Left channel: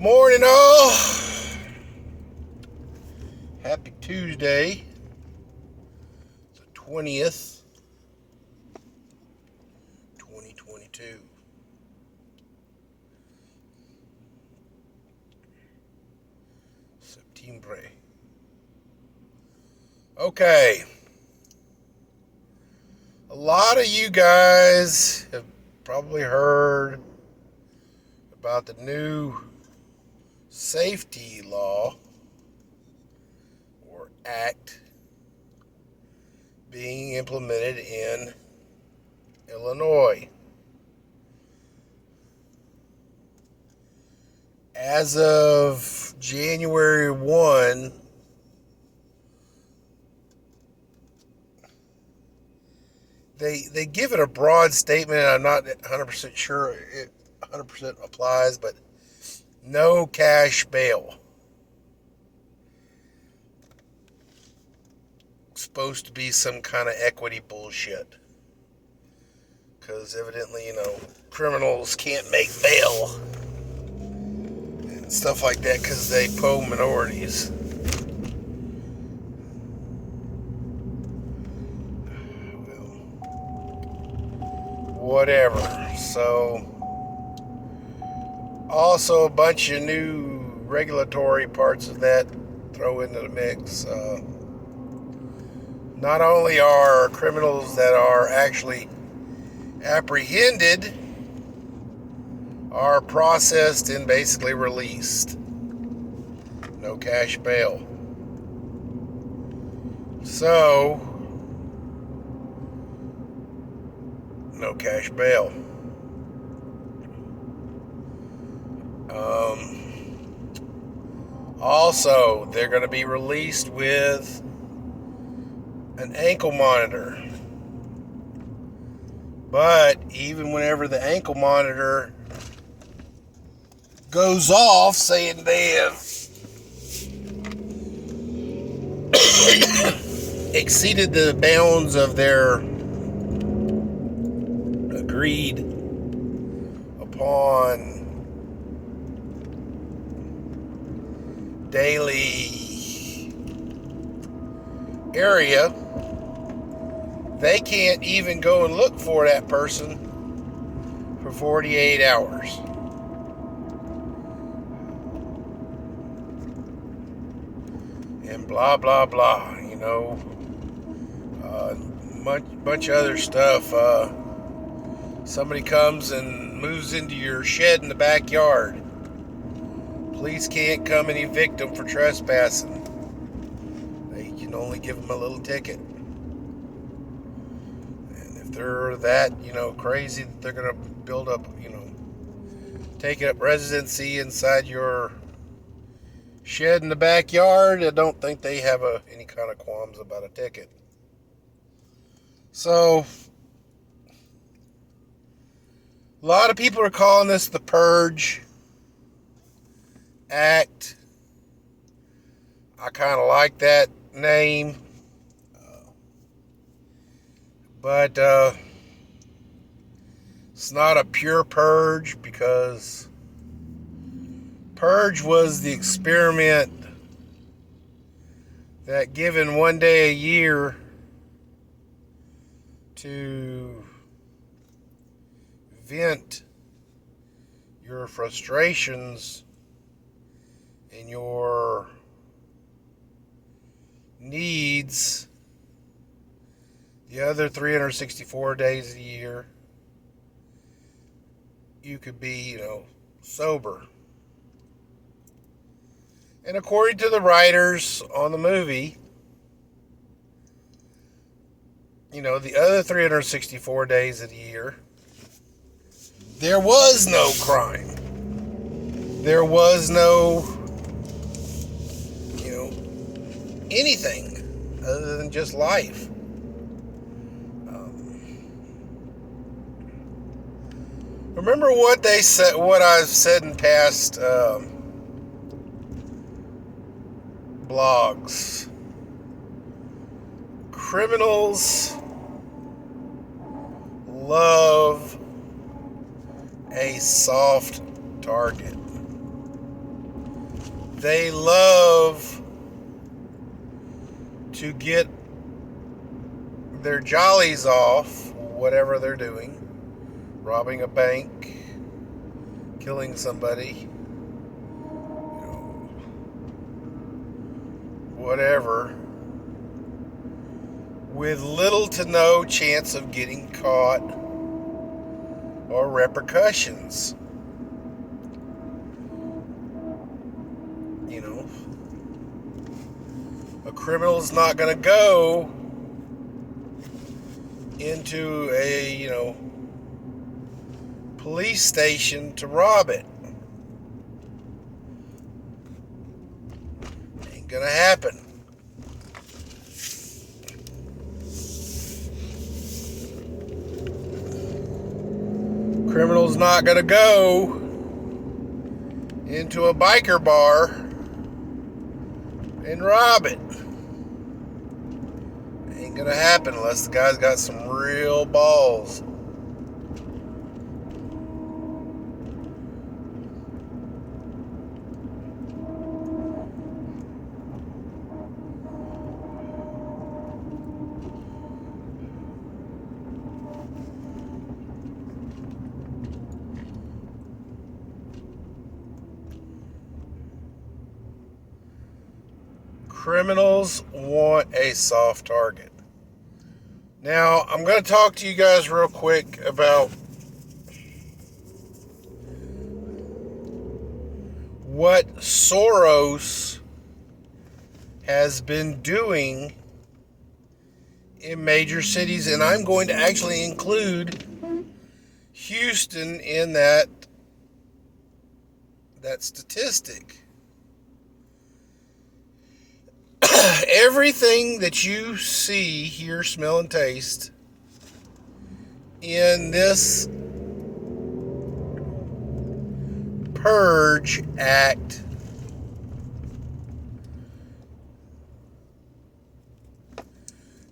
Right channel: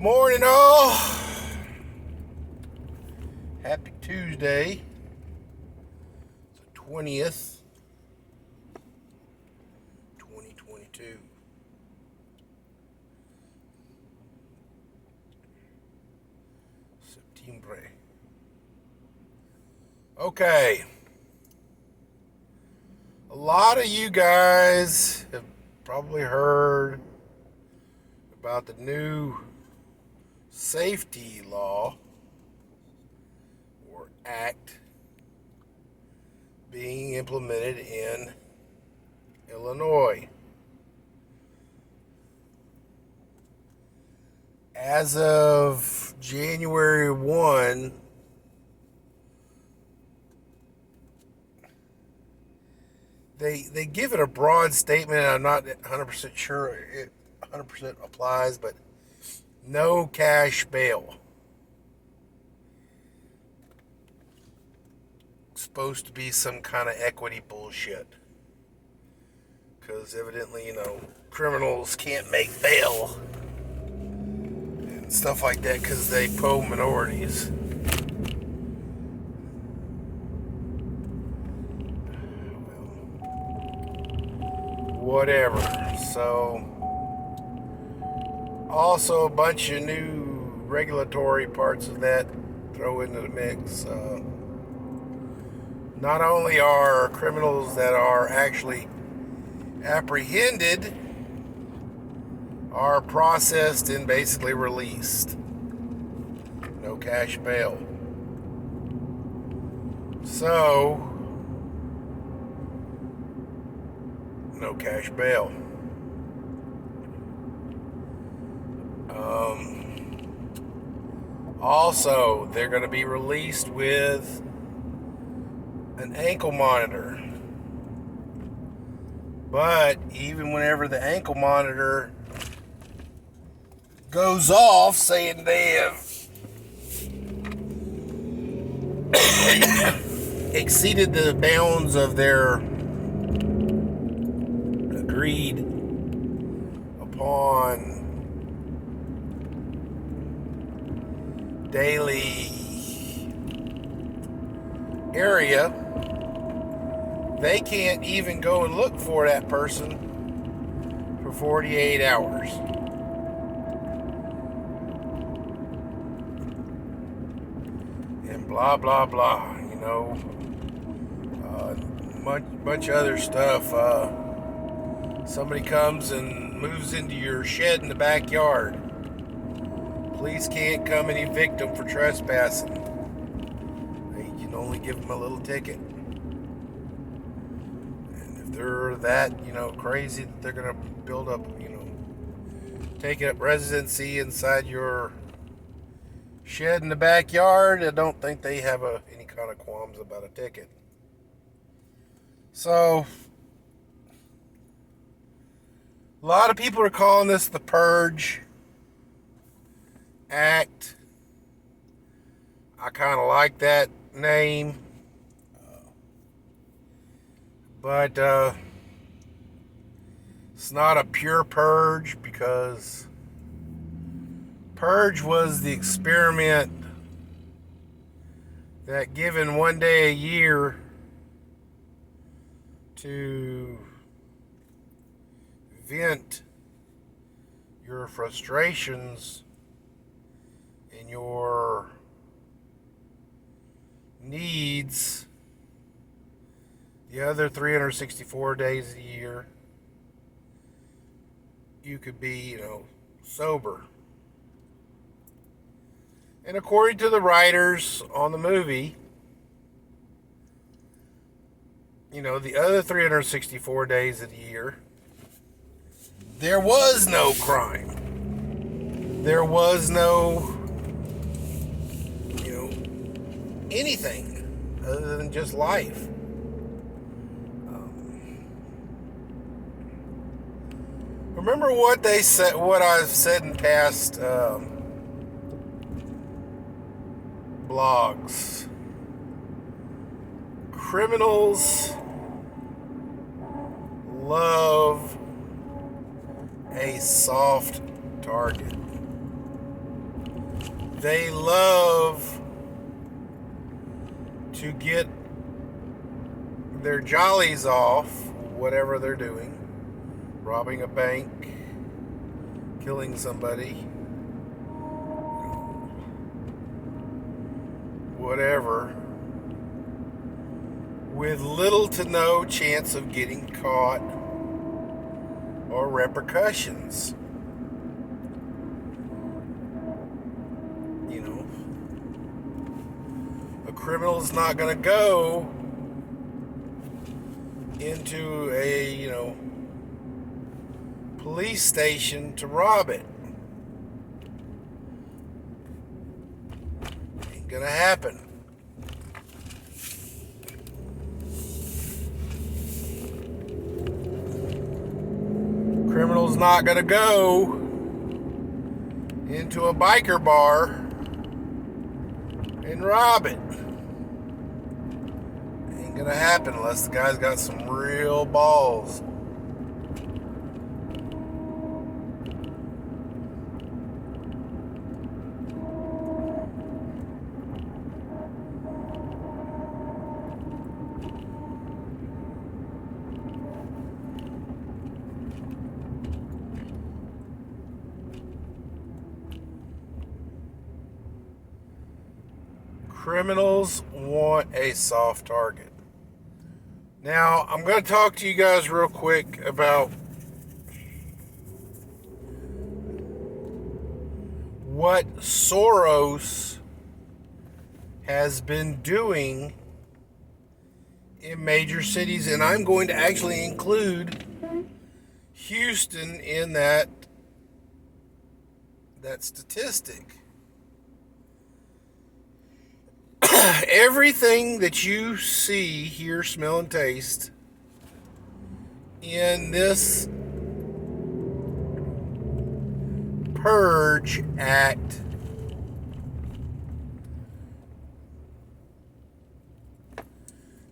Morning, all. Happy Tuesday, the 20th, 2022. September. Okay. A lot of you guys have probably heard about the new safety law or act being implemented in Illinois. As of January 1, they give it a broad statement. I'm not 100% sure it 100% applies, but no cash bail. Supposed to be some kind of equity bullshit. Because evidently, criminals can't make bail and stuff like that because they po minorities. Whatever. So, also a bunch of new regulatory parts of that throw into the mix. Not only are criminals that are actually apprehended are processed and basically released. No cash bail. So, no cash bail. Also, they're going to be released with an ankle monitor. But even whenever the ankle monitor goes off, saying they have exceeded the bounds of their agreed upon daily area, they can't even go and look for that person for 48 hours. And blah, blah, blah, bunch of other stuff. Somebody comes and moves into your shed in the backyard. Police can't come and evict them for trespassing. They can only give them a little ticket. And if they're that, crazy that they're going to build up, take up residency inside your shed in the backyard, I don't think they have any kind of qualms about a ticket. So, a lot of people are calling this the Purge Act. I kind of like that name. But it's not a pure purge, because purge was the experiment that, given one day a year to vent your frustrations and your needs, the other 364 days of the year, you could be, sober. And according to the writers on the movie, the other 364 days of the year, there was no crime. There was no, anything other than just life. Remember what they said, what I've said in past blogs. Criminals love a soft target. they love to get their jollies off, whatever they're doing, robbing a bank, killing somebody, whatever, with little to no chance of getting caught or repercussions. You know, a criminal's not going to go into a, police station to rob it. Ain't going to happen. Criminal's not going to go into a biker bar and rob it. Ain't gonna happen unless the guy's got some real balls. Criminals want a soft target. Now, I'm going to talk to you guys real quick about what Soros has been doing in major cities, and I'm going to actually include Houston in that statistic. Everything that you see, hear, smell, and taste in this Purge Act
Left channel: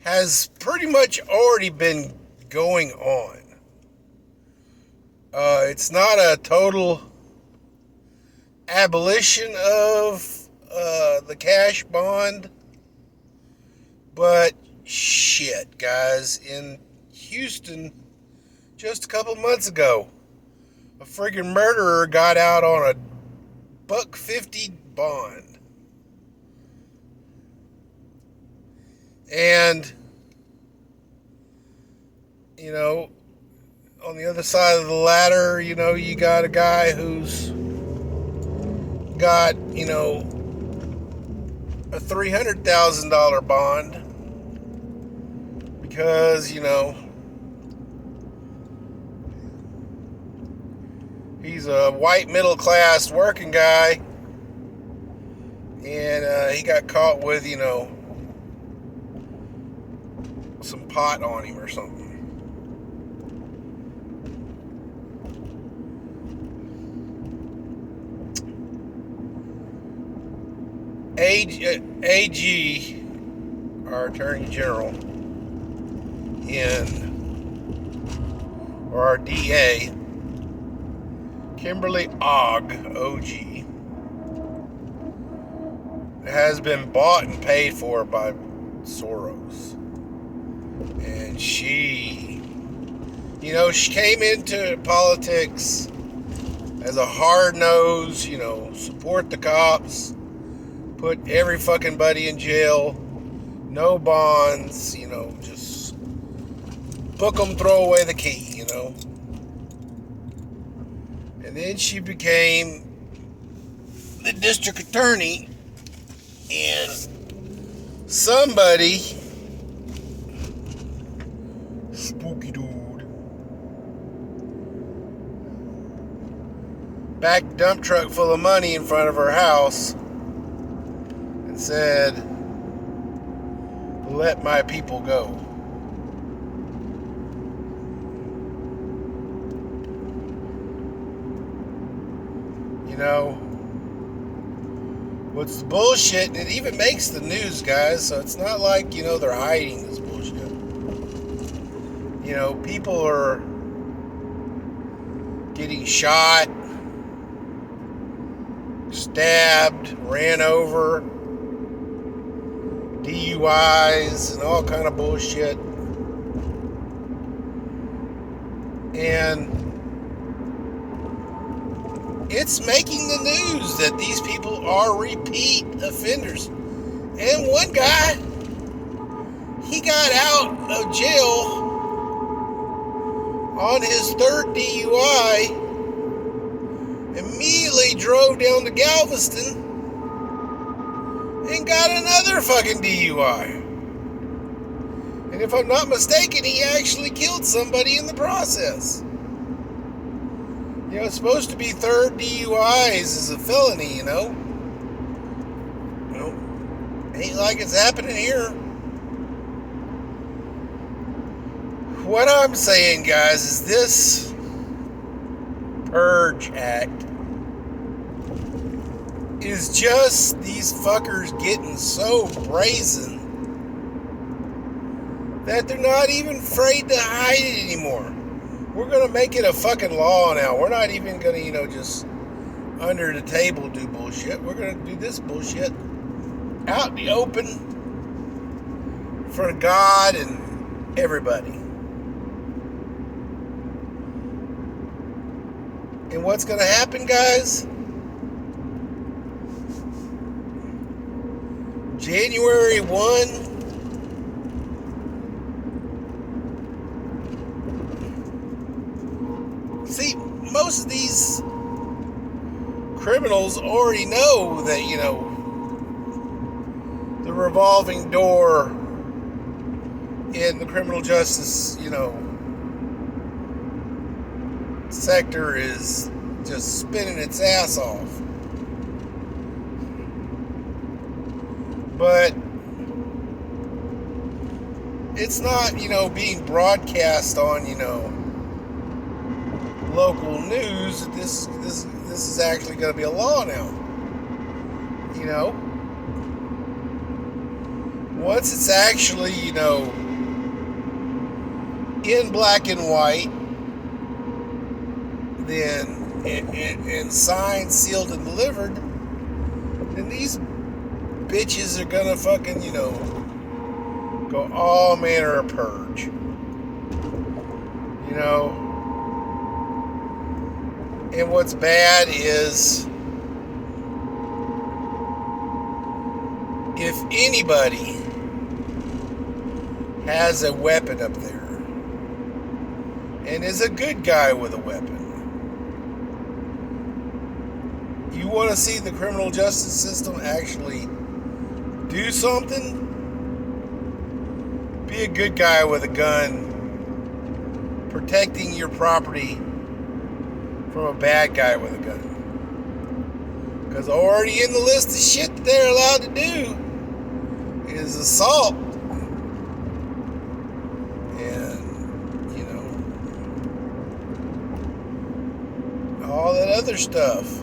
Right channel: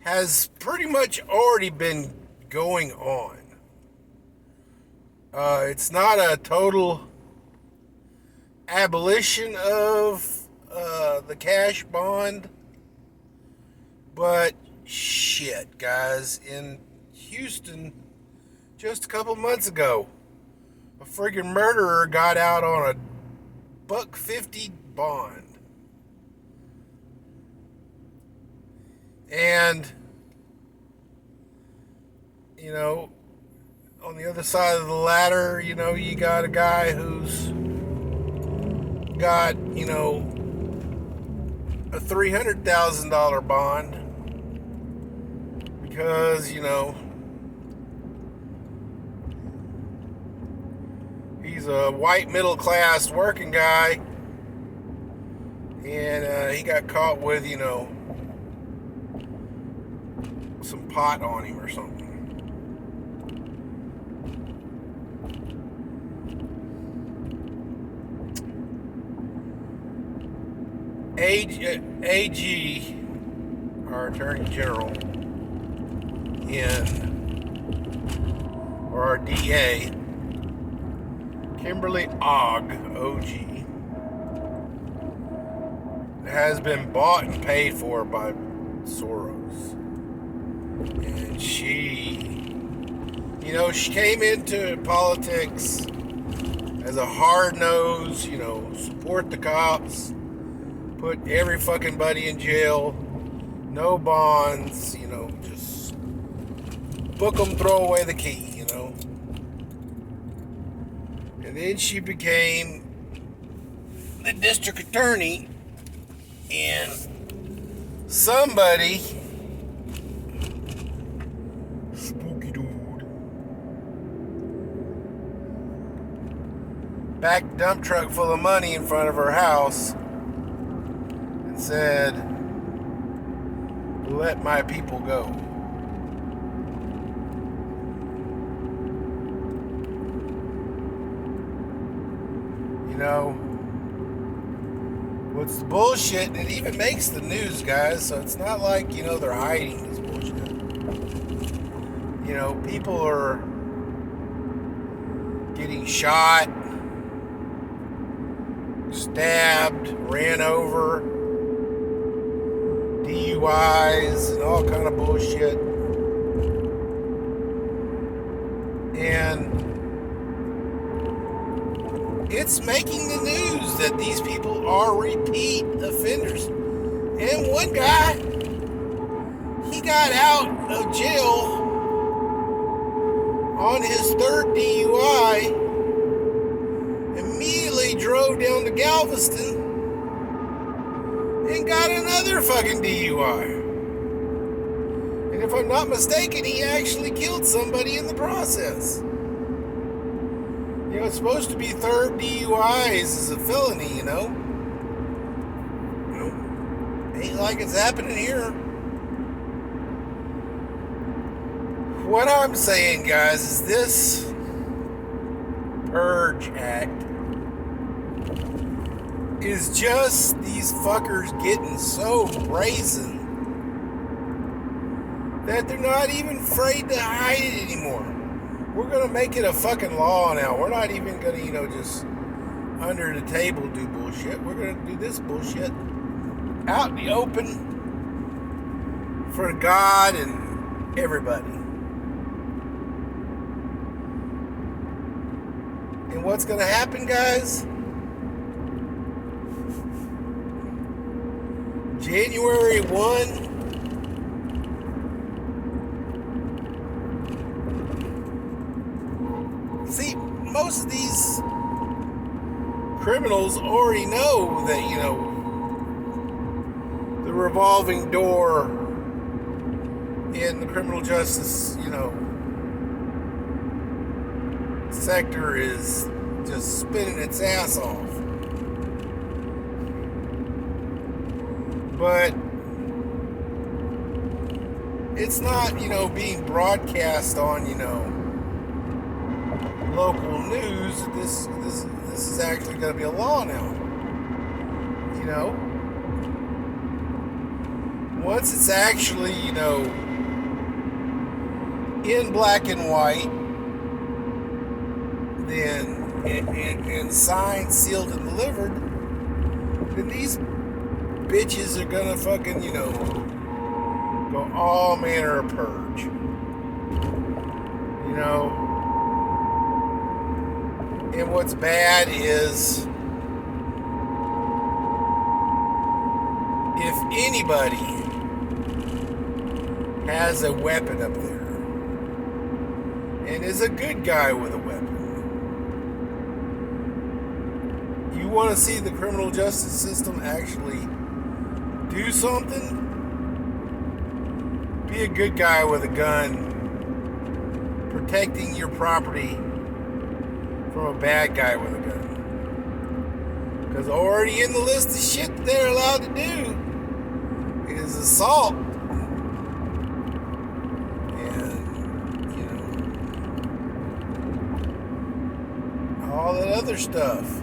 has pretty much already been going on. It's not a total abolition of the cash bond, but shit, guys, in Houston just a couple months ago, a friggin' murderer got out on a $150 bond. And on the other side of the ladder, you got a guy who's got, a $300,000 bond because, he's a white middle class working guy, and he got caught with, some pot on him or something. AG, our Attorney General, or our DA, Kimberly Ogg, OG, has been bought and paid for by Soros. And she came into politics as a hard-nosed, support the cops, put every fucking buddy in jail, no bonds, just book them, throw away the key, And then she became the district attorney, and somebody, spooky dude, backed a dump truck full of money in front of her house and said, "Let my people go." What's the bullshit? And it even makes the news, guys, so it's not like, they're hiding this bullshit. People are getting shot, stabbed, ran over, DUIs, and all kind of bullshit. And it's making the news that these people are repeat offenders. And one guy, he got out of jail on his third DUI, immediately drove down to Galveston and got another fucking DUI. And if I'm not mistaken, he actually killed somebody in the process. You know, it's supposed to be third DUIs is a felony, you know. Ain't like it's happening here. What I'm saying, guys, is this Purge Act is just these fuckers getting so brazen that they're not even afraid to hide it anymore. We're going to make it a fucking law now. We're not even going to, just under the table do bullshit. We're going to do this bullshit out in the open for God and everybody. And what's going to happen, guys? January 1, see, most of these criminals already know that, the revolving door in the criminal justice, sector is just spinning its ass off. But it's not, being broadcast on, local news. This is actually going to be a law now. Once it's actually, in black and white, then and signed, sealed, and delivered, then these bitches are gonna fucking, go all manner of purge. And what's bad is if anybody has a weapon up there and is a good guy with a weapon, you want to see the criminal justice system actually do something? Be a good guy with a gun, protecting your property from a bad guy with a gun. Because already in the list of shit that they're allowed to do is assault. And, all that other stuff.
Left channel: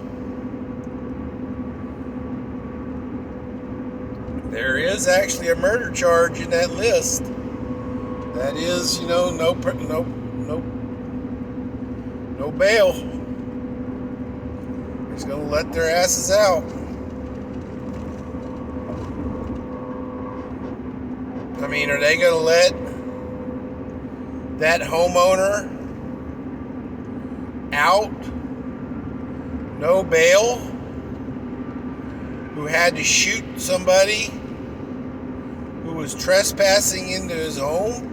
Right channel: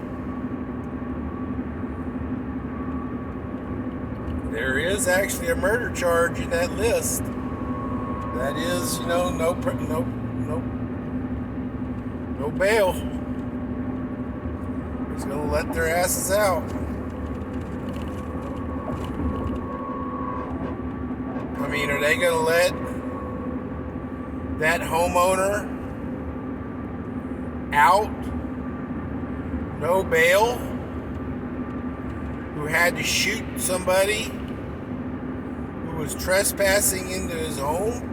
There is actually a murder charge in that list. That is, no bail. He's gonna let their asses out. I mean, are they gonna let that homeowner out, no bail, who had to shoot somebody who was trespassing into his home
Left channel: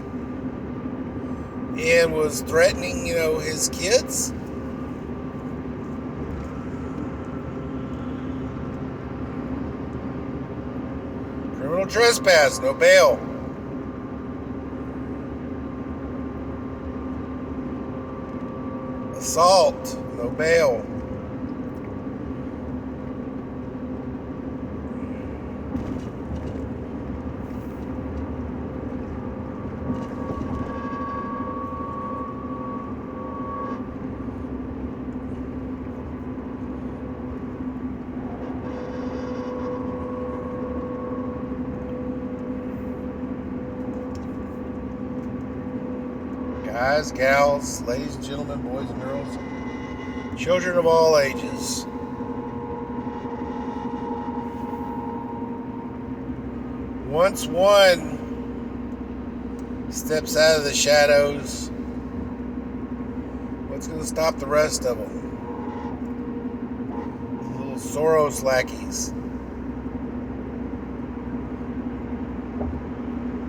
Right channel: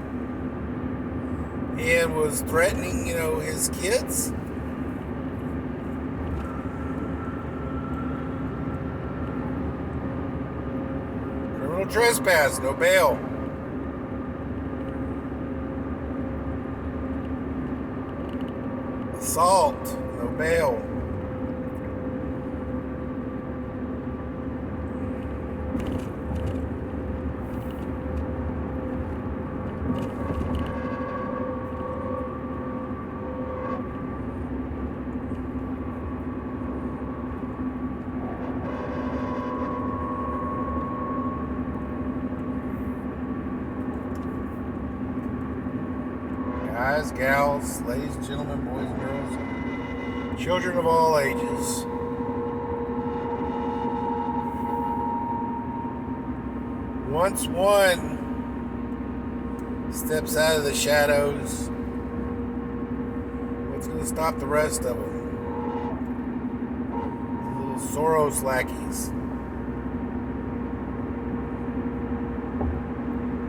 and was threatening, his kids? Criminal trespass, no bail. Assault, no bail. Guys, gals, ladies and gentlemen, boys and girls, children of all ages. Once one steps out of the shadows, what's going to stop the rest of them? The little Soros lackeys.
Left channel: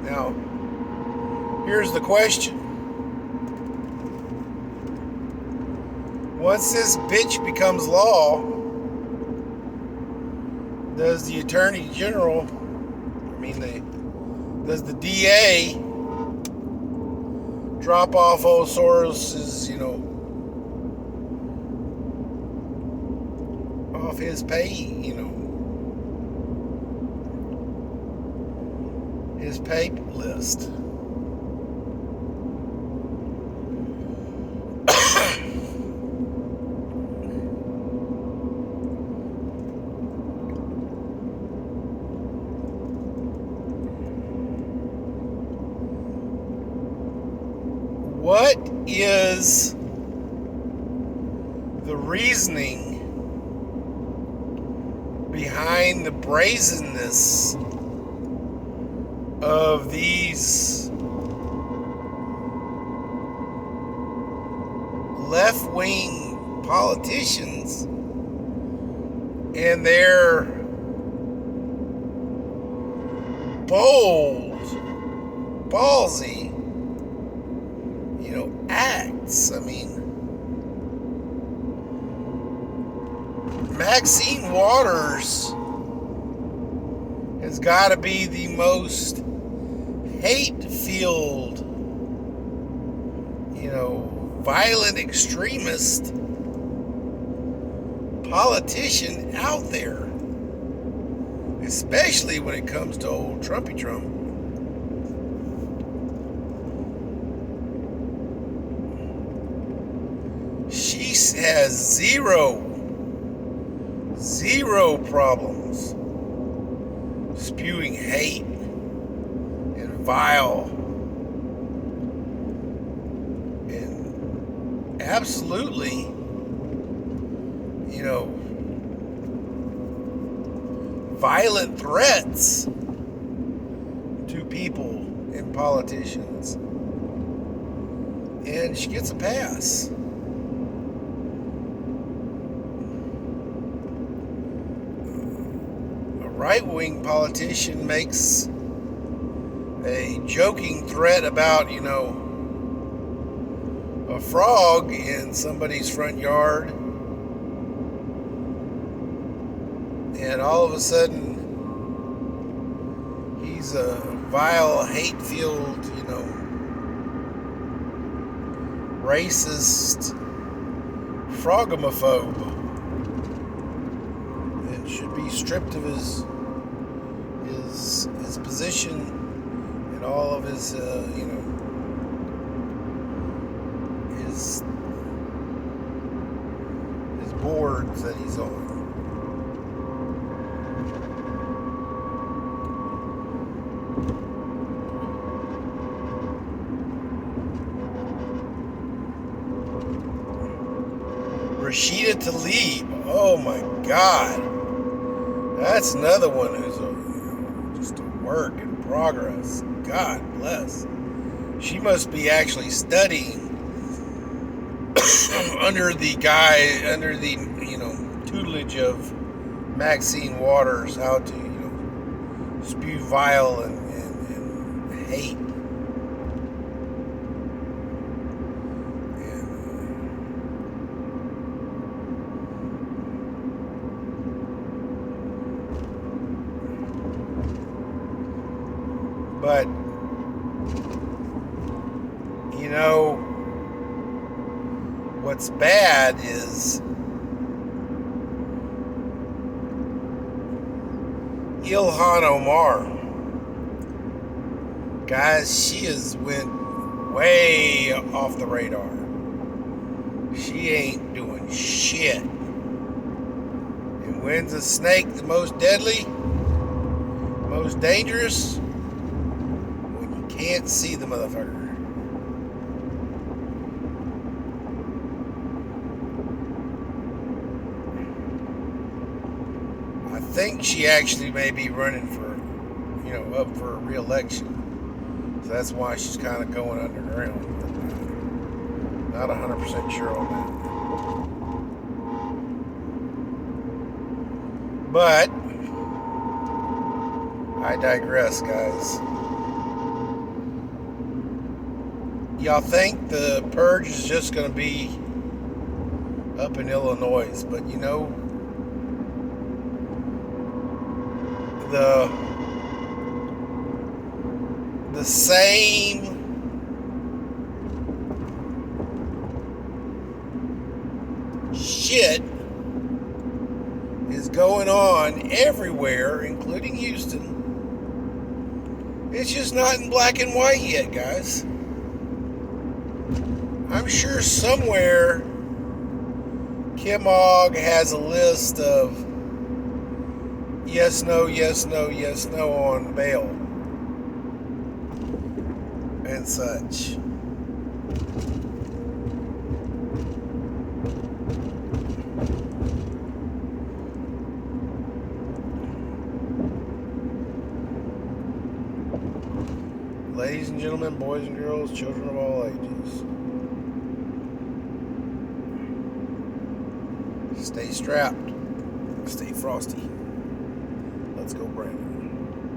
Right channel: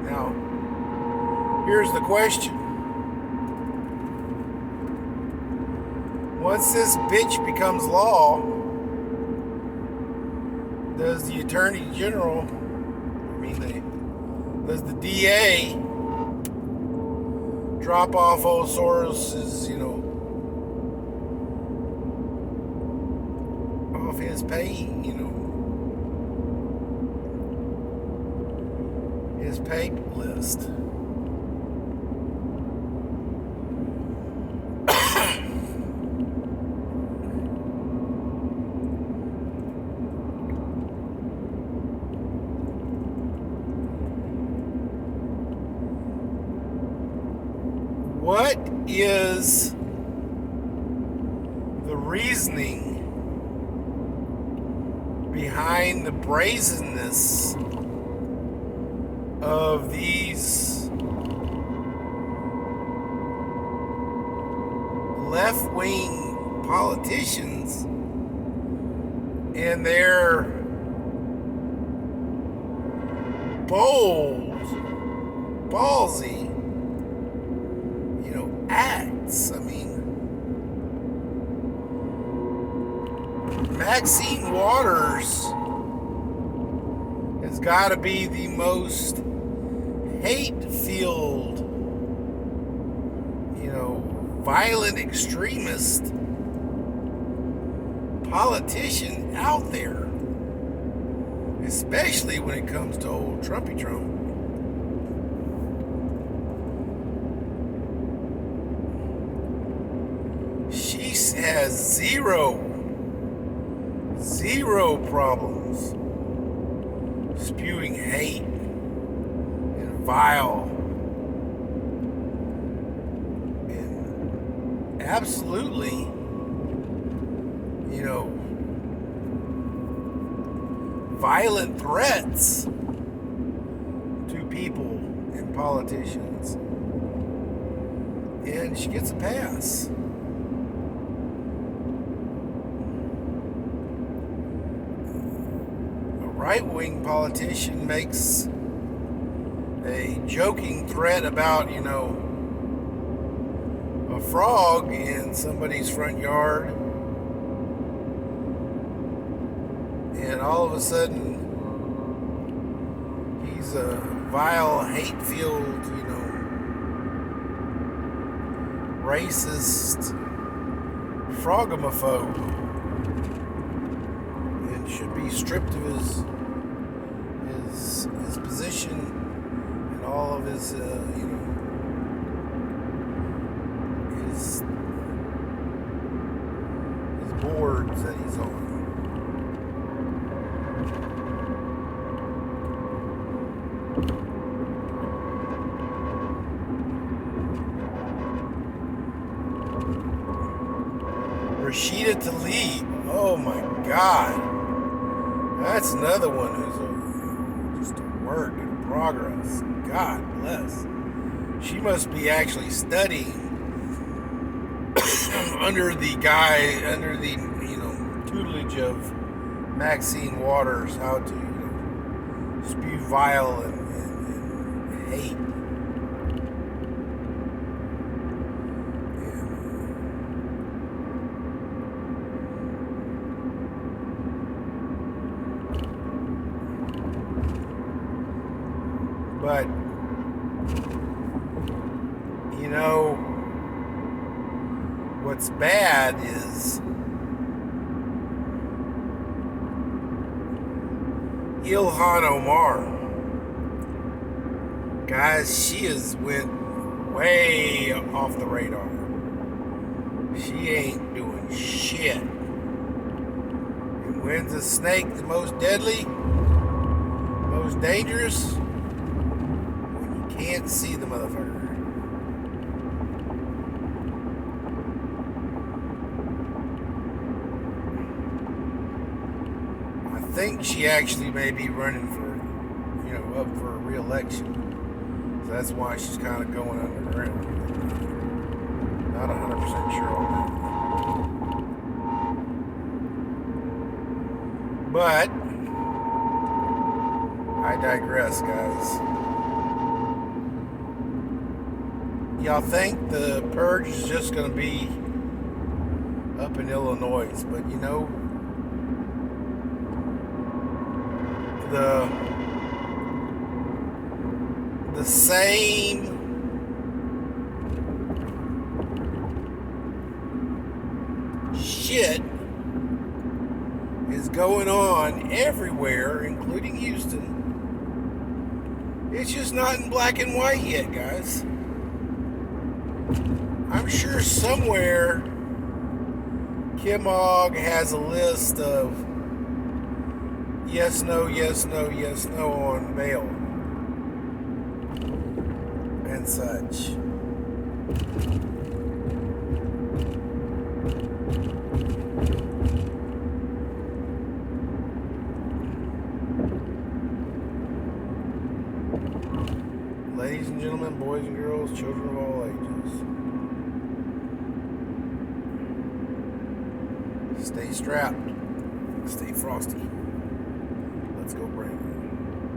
Now, here's the question. Once this bitch becomes law, does the Attorney General, does the DA drop off old Soros's, off his pay, his pay list? What is the reasoning behind the brazenness of these left-wing politicians and their bold, ballsy, acts? Maxine Waters has got to be the most hate-filled, violent extremist politician out there, especially when it comes to old Trumpy Trump. She has zero problems spewing hate and vile and absolutely, violent threats to people and politicians. And she gets a pass. Right-wing politician makes a joking threat about, a frog in somebody's front yard, and all of a sudden he's a vile, hate-filled, racist frogomophobe, and should be stripped of his position and all of his his boards that he's on. Rashida Tlaib, oh my God, that's another one who's just a work in progress. God bless. She must be actually studying under the tutelage of Maxine Waters, how to, spew vile and hate. But, what's bad is Ilhan Omar. Guys, she has went way off the radar. She ain't doing shit. And when's a snake the most deadly? Most dangerous? When you can't see the motherfucker. I think she actually may be running for, up for re-election. So that's why she's kind of going underground. Not 100% sure on that. But I digress, guys. Y'all think the purge is just going to be up in Illinois, but the same shit is going on everywhere, including Houston. It's just not in black and white yet, guys. I'm sure somewhere Kim Ogg has a list of yes, no, yes, no, yes, no on bail and such. Ladies and gentlemen, boys and girls, children of all ages, stay strapped, stay frosty. Let's go, Brandon.